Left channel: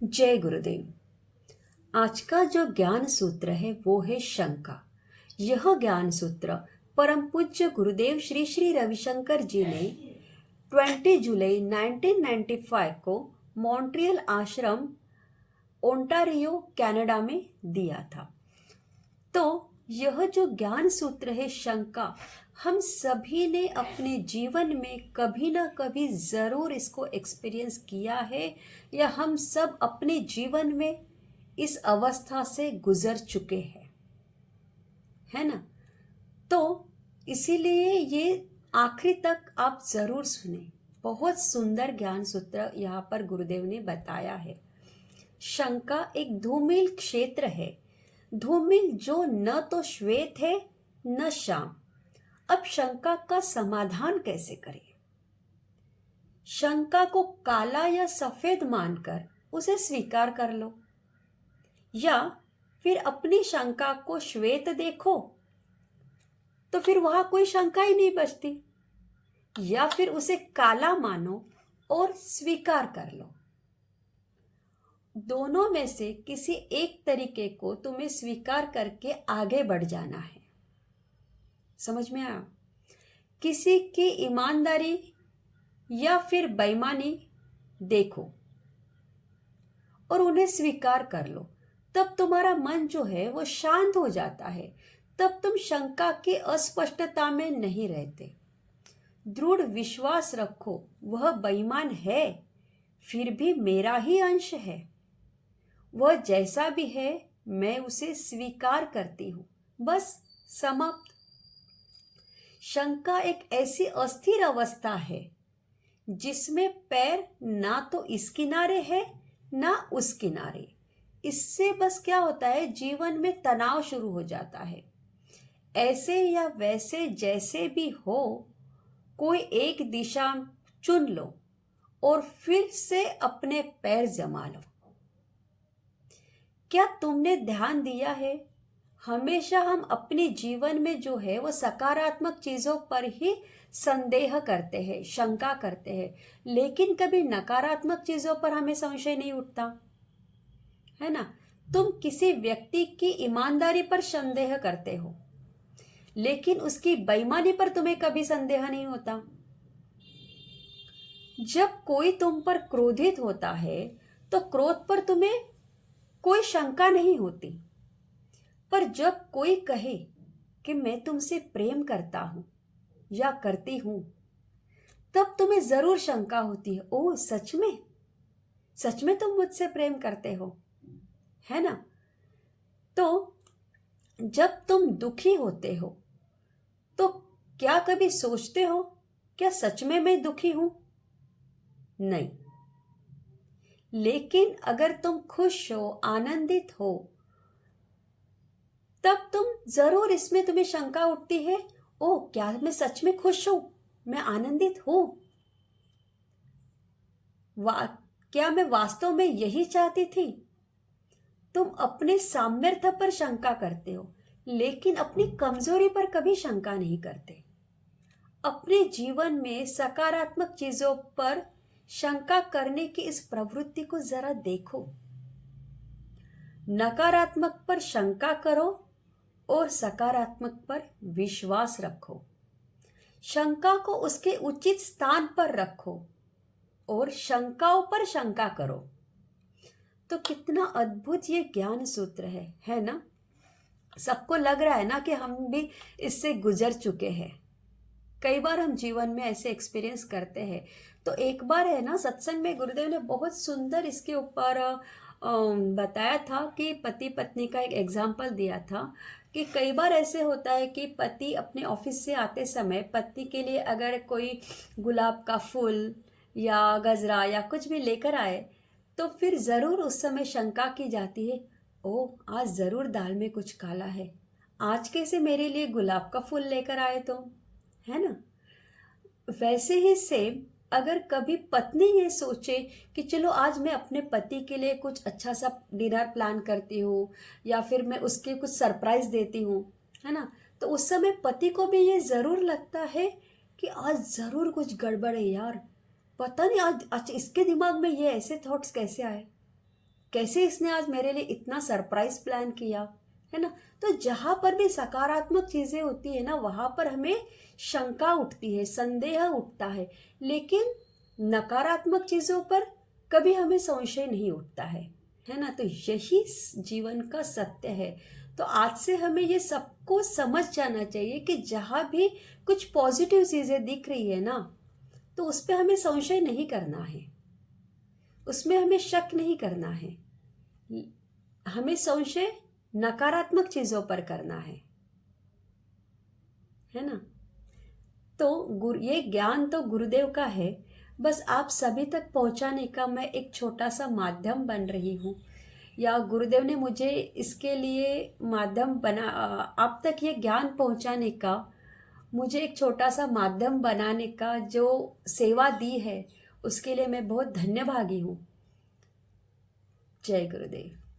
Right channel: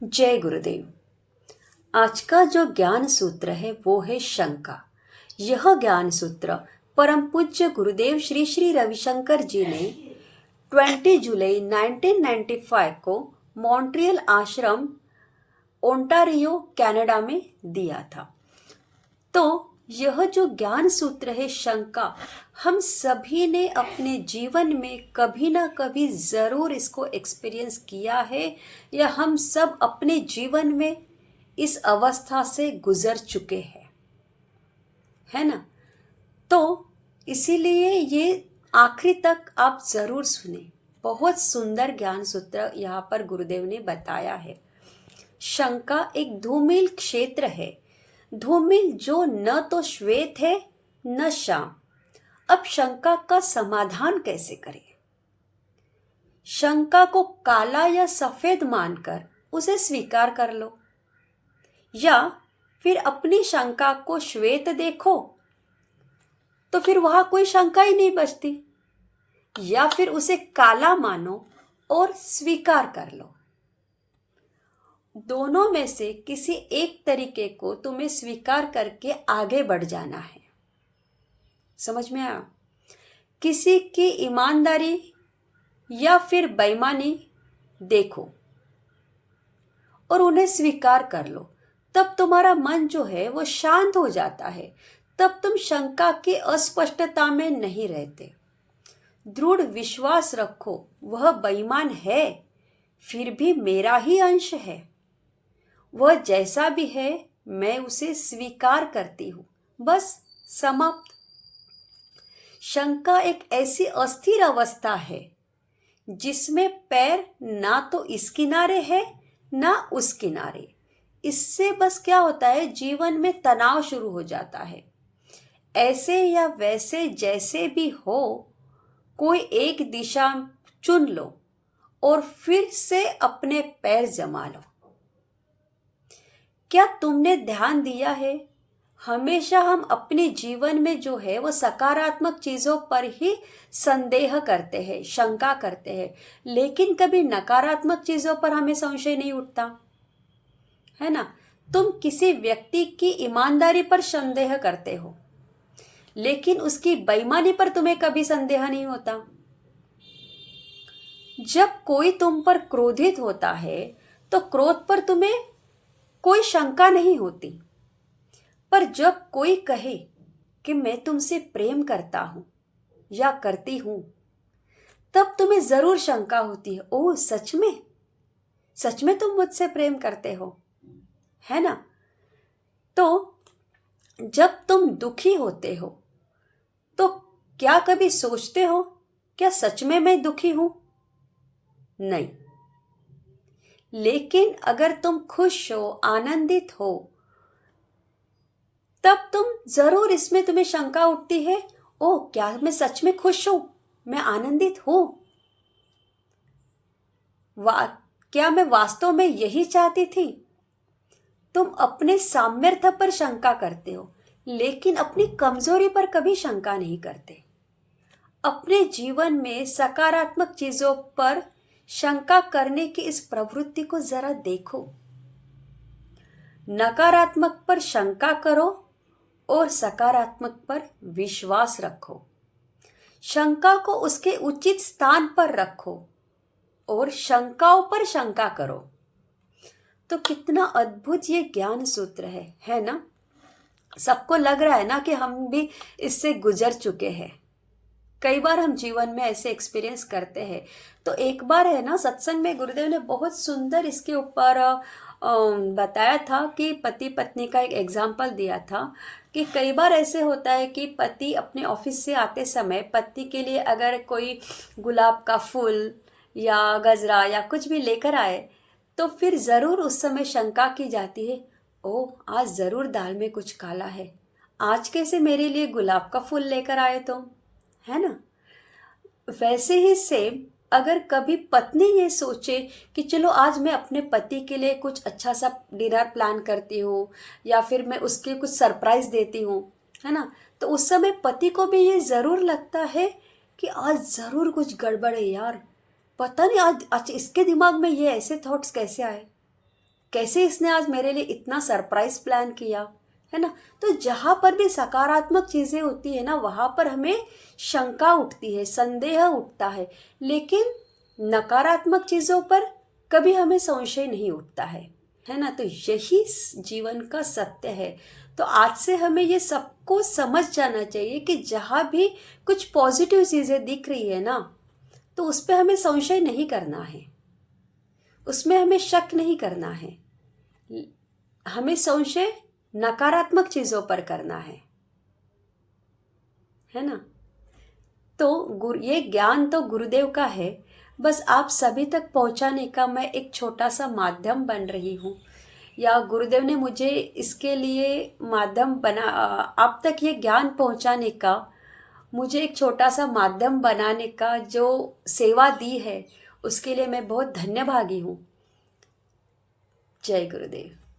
जय गुरुदेव। आज का जो ज्ञान सूत्र है वो है शंका। यह ज्ञान सूत्र परम पूज्य गुरुदेव श्री श्री रविशंकर जी ने 20 जुलाई 1995 को मॉन्ट्रियल आश्रम ओंटारियो कनाडा में दिया था। तो यह जो ज्ञान सूत्र है शंका, हम सभी ने अपने जीवन में कभी ना कभी ज़रूर इसको एक्सपीरियंस किया है, या हम सब अपने जीवन में इस अवस्था से गुजर चुके हैं, है ना। तो इसीलिए ये आखिरी तक आप ज़रूर सुने। बहुत सुंदर ज्ञान सूत्र यहाँ पर गुरुदेव ने बताया है। शंका एक धूमिल क्षेत्र है, धूमिल जो न तो श्वेत है न श्याम। अब शंका का समाधान कैसे करें? शंका को काला या सफेद मानकर उसे स्वीकार कर लो, या फिर अपनी शंका को श्वेत देखो तो फिर वहां कोई शंका ही नहीं बचती, या फिर उसे काला मानो और स्वीकार कर लो। दोनों में से किसी एक तरीके को तुम्हें स्वीकार करके आगे बढ़ जाना है। समझ में आया? किसी की ईमानदारी या फिर बेईमानी देखो और उन्हें स्वीकार कर लो, तब तुम्हारा मन जो है वो शांत हो जाता है। तब तुम शंका की अस्पष्टता में नहीं रहते। दृढ़ विश्वास रखो, वह बेईमान है फिर भी मेरा ही अंश है। वह जैसा भी है मैं उसे स्वीकार करती हूँ, बस समाप्त। शंका एक ऐसी अस्थिर अवस्था है जिसमें पैर ना तो इस किनारे है ना उस किनारे। इससे बस क्या होता है, जीवन में तनाव शुरू हो जाता है। ऐसे या वैसे जैसे भी हो, कोई एक दिशा चुन लो और फिर से अपने पैर जमा लो। क्या तुमने ध्यान दिया है, हमेशा हम अपने जीवन में जो है वो सकारात्मक चीज़ों पर ही संदेह करते हैं, शंका करते हैं, लेकिन कभी नकारात्मक चीज़ों पर हमें संशय नहीं उठता, है ना। तुम किसी व्यक्ति की ईमानदारी पर संदेह करते हो, लेकिन उसकी बेईमानी पर तुम्हें कभी संदेह नहीं होता। जब कोई तुम पर क्रोधित होता है तो क्रोध पर तुम्हें कोई शंका नहीं होती, पर जब कोई कहे कि मैं तुमसे प्रेम करता हूं या करती हूं, तब तुम्हें जरूर शंका होती है, ओह सच में, सच में तुम मुझसे प्रेम करते हो, है ना। तो जब तुम दुखी होते हो तो क्या कभी सोचते हो क्या सच में मैं दुखी हूं? नहीं। लेकिन अगर तुम खुश हो, आनंदित हो, तब तुम जरूर इसमें तुम्हें शंका उठती है, ओह क्या मैं सच में खुश हूं, मैं आनंदित हूं, क्या मैं वास्तव में यही चाहती थी? तुम अपने सामर्थ्य पर शंका करते हो, लेकिन अपनी कमजोरी पर कभी शंका नहीं करते। अपने जीवन में सकारात्मक चीजों पर शंका करने की इस प्रवृत्ति को जरा देखो। नकारात्मक पर शंका करो और सकारात्मक पर विश्वास रखो। शंका को उसके उचित स्थान पर रखो और शंकाओं पर शंका करो। तो कितना अद्भुत ये ज्ञान सूत्र है ना। सबको लग रहा है ना कि हम भी इससे गुजर चुके हैं। कई बार हम जीवन में ऐसे एक्सपीरियंस करते हैं। तो एक बार है ना, सत्संग में गुरुदेव ने बहुत सुंदर इसके ऊपर बताया था कि पति पत्नी का एक एग्जाम्पल दिया था कि कई बार ऐसे होता है कि पति अपने ऑफिस से आते समय पत्नी के लिए अगर कोई गुलाब का फूल या गजरा या कुछ भी लेकर आए, तो फिर ज़रूर उस समय शंका की जाती है, ओह आज ज़रूर दाल में कुछ काला है, आज कैसे मेरे लिए गुलाब का फूल लेकर आए तुम, है ना। वैसे ही सेम अगर कभी पत्नी ये सोचे कि चलो आज मैं अपने पति के लिए कुछ अच्छा सा डिनर प्लान करती हूँ या फिर मैं उसके कुछ सरप्राइज देती हूँ, है ना, तो उस समय पति को भी ये ज़रूर लगता है कि आज ज़रूर कुछ गड़बड़ है यार, पता नहीं आज आज इसके दिमाग में ये ऐसे थॉट्स कैसे आए। कैसे इसने आज मेरे लिए इतना सरप्राइज प्लान किया, है ना। तो जहाँ पर भी सकारात्मक चीज़ें होती है ना, वहाँ पर हमें शंका उठती है, संदेह उठता है, लेकिन नकारात्मक चीज़ों पर कभी हमें संशय नहीं उठता है ना। तो यही जीवन का सत्य है। तो आज से हमें ये सबको समझ जाना चाहिए कि जहाँ भी कुछ पॉजिटिव चीज़ें दिख रही है ना, तो उस पर हमें संशय नहीं करना है, उसमें हमें शक नहीं करना है। हमें संशय नकारात्मक चीज़ों पर करना है ना। तो ये ज्ञान तो गुरुदेव का है, बस आप सभी तक पहुंचाने का मैं एक छोटा सा माध्यम बन रही हूँ, या गुरुदेव ने मुझे इसके लिए माध्यम बना, आप तक ये ज्ञान पहुंचाने का, मुझे एक छोटा सा माध्यम बनाने का जो सेवा दी है, उसके लिए मैं बहुत धन्यभागी हूँ। जय गुरुदेव।